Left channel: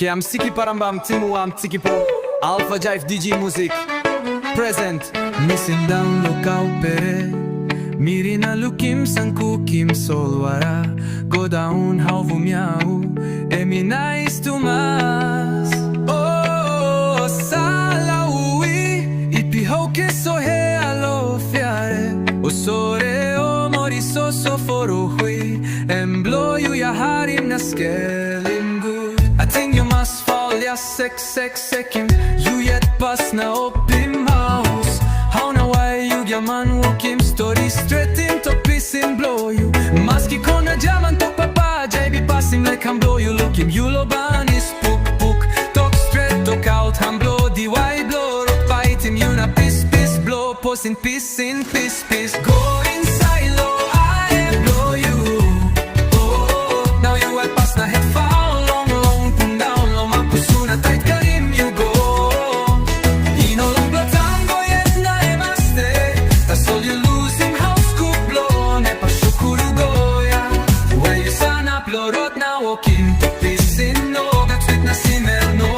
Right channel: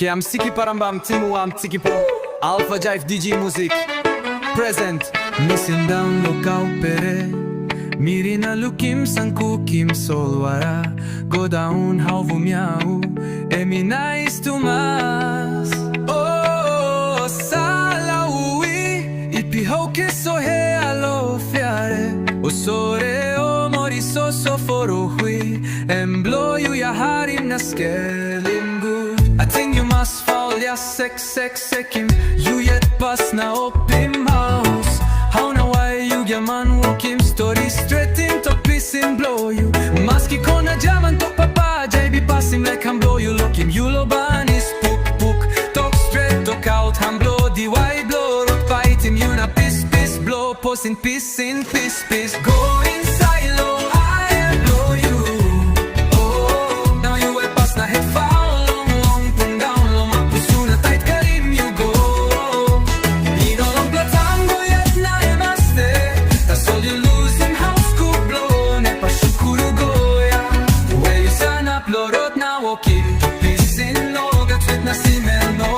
Che am siki parambam timu am tiki po ALPHA-JIVE DJ Music Present Missing down local pere Mirina lukim sanku kim solwara Go down hauvu miau Emi nice to mas Oh salaui Ipi hoke so he alo fiare O sore o mori so foro hui Emblo you ya harim na skelim good I think you must fall ya sekim You yet pass na opim house How na why you Giaman walk him story straight in to piss him blow you Maski kona Giaman to papa JB pass him like him blow you look him you lo ban is puk Talk straight talk out him blow the why blow rot fight him you na piss blow post in piss Go inside low I blow you Oh now you at pass na head foul long pun down long mapusuna tight karim you go All you lose him house cook blow Nepa shukuru goya Where you sign up lorot na walk in to peace in no That sweet na simel no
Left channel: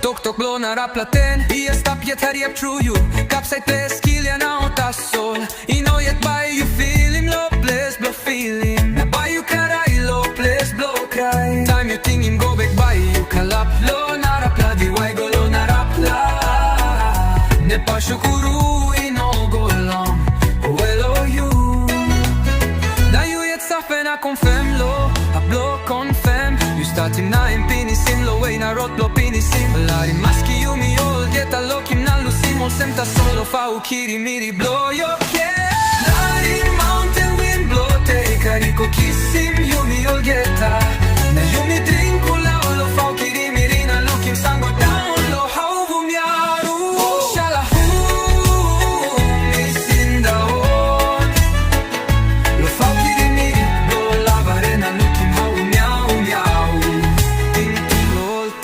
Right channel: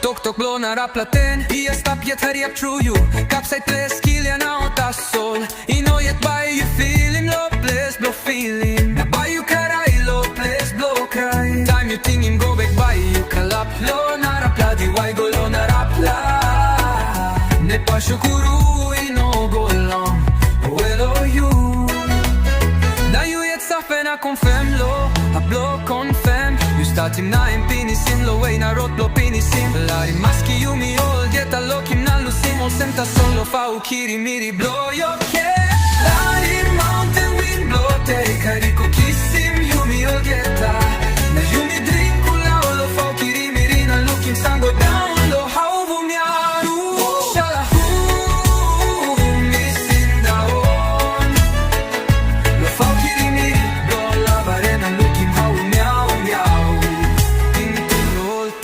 Tok blow na raplaten Ia stop yet hurry up true you Capside place kill ya na ota sol I know yet by you feel him low place blow feel him Na by you karay low place blow cry Time you think him go back by you kalap low na rapla di why go low na rapla Nepa shukuru no go long Well you Now you yet suffer na confirm lo A blow confirm You start him na in pinisim Lo way na rot blow pinisim Lari maski you mi all Get a lock him na lusim All semta solo fa ukiri miri blow yo ke Lari mountain wind blow Take a rico kiss him You mi all get a Na you mi drink ula Lo fa ukiri miri na look him sun go down Lo how vu miaru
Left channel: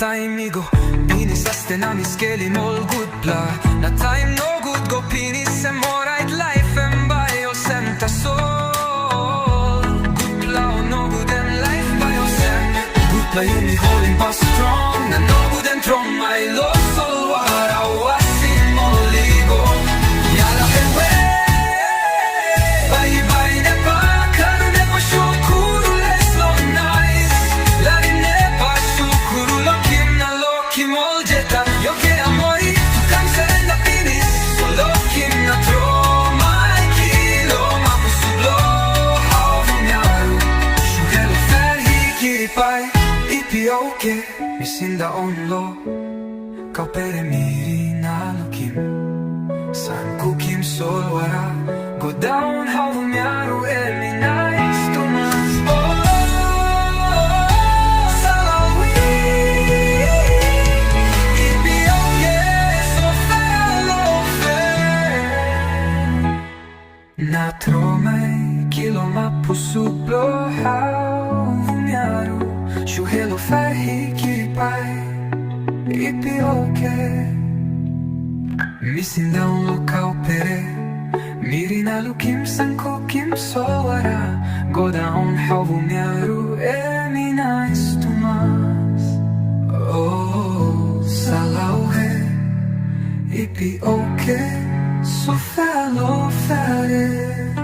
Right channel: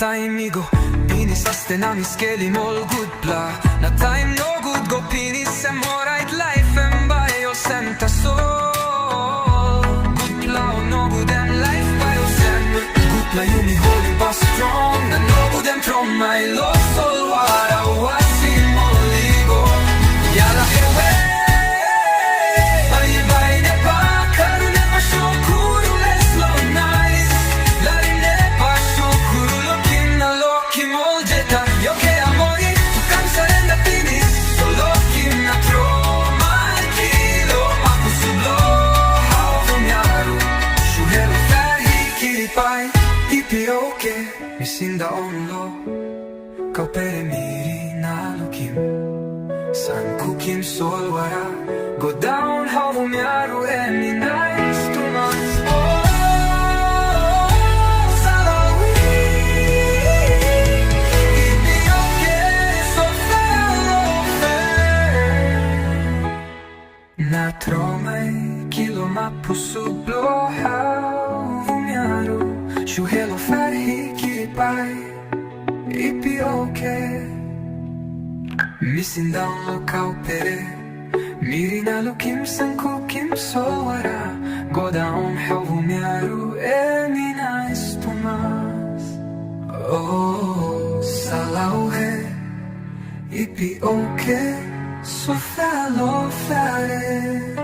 Time go Pinis astena mi skelim all good bla Na time no good go pinis em alright life em by your sem ta soul Good bla o no good em life by your sem Good bla you mi holding pass strong Na no good em from my low soul wara wasim oligo Yala hewe Bye nepa karu nepa shukuru let's low nice Larim nepa shukuru Moljeta, yo che amori, tu cansarenda finis Solo kim na tro, mai kilo Ma posublo, how vumiaru Shuhelo ferhi kiripai Ipi oke, misinda onlo Kau pere miri na lukim San kukim solwara Go down, how vumiaru Emi nice to mas Oh Na trome kilo ma posublo how vumiaru Shuhelo ferhi kiripai Ipi oke Missing down local pere Mirina lukim sanku kim solwara Go down how vumiaru Emi nice to mas Oh salauhe Ipi oke So fellow fare